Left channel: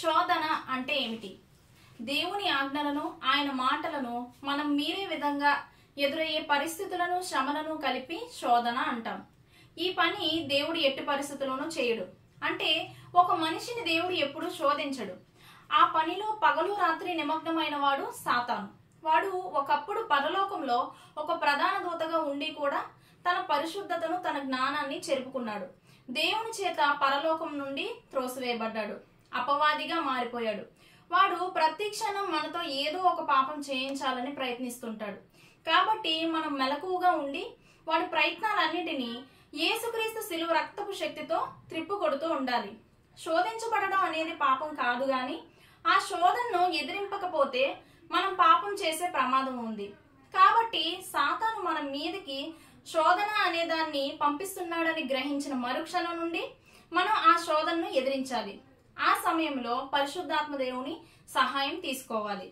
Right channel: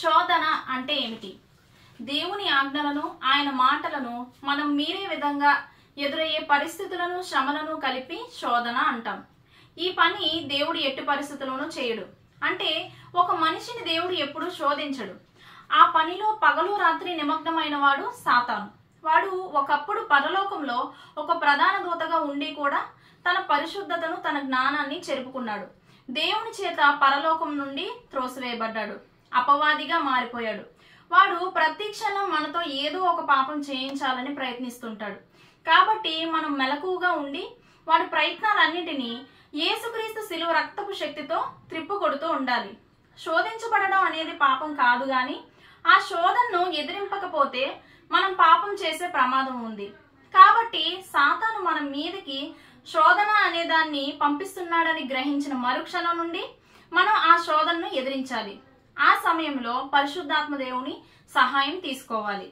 శోధన అంటే ఏమిటి? దేవుని ఆజ్ఞలను, ఆయన మాటలను మనం మీరే విధంగా ఎదురయ్యే పరిస్థితులను, శ్రమలను కలిపి శోధన అంటాం. ఈ పని దేవుడు ఎట్టి పరిస్థితుల్లోనూ చేయడు. అంటే ఒక మనిషిని దేవుడు ఎప్పుడూ శోధించడు. ఆ పనిలో పగలు రాత్రి నిమగ్నమైన వాడు సాతాను. వాడు ఒకప్పుడు పరలోకంలో ఒక ప్రధాన దూతగా ఉండి కూడా తన పరిశుద్ధతను, తన జ్ఞానాన్ని చెరుపుకున్నాడు. దేవుని చేత పరలోకం నుండి త్రోసివేయబడ్డాడు. అపవాదిగా మారిపోయాడు. వాడు ప్రతి క్షణం మనతో ఏదో ఒక పాపం చేయించాలని ప్రయత్నిస్తుంటాడు. కాబట్టి మనం మెలకువగా ఉండి వాడి ప్రయత్నాలన్నిటినీ యేసుక్రీస్తు శిలువ రక్తపు శక్తితో త్రిప్పుకొడుతూ ఉండాలి. శోధించబడడం అనేది పాపం కాదు, గాని ఆ శోధనను ఎదిరింపకపోతే మనం పాపం చేసే ప్రమాదం ఉంది. కాబట్టి సాతాను మన మీదకి శోధన అనే దాన్ని పంపిస్తున్నాడని గ్రహించిన మరుక్షణం నుండి మనం ఆ శోధనను ఎదిరించాలి. ఆ సమయంలో పరిశుద్ధాత్మ దేవుని సహాయం తీసుకోవాలి.